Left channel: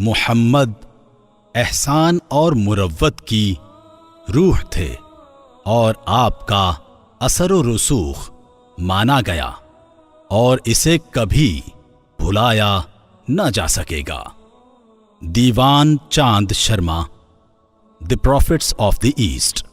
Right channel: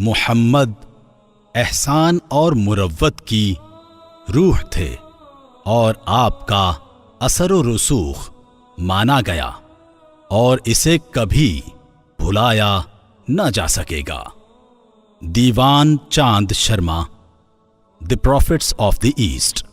मुहम्मद एहसान और मुरव्वत की रूह थे और आपका असर व रसूख माना गया और इसे कभी भुलाया न जा सकेगा। दीवान चांद Sharma, the profits of the east.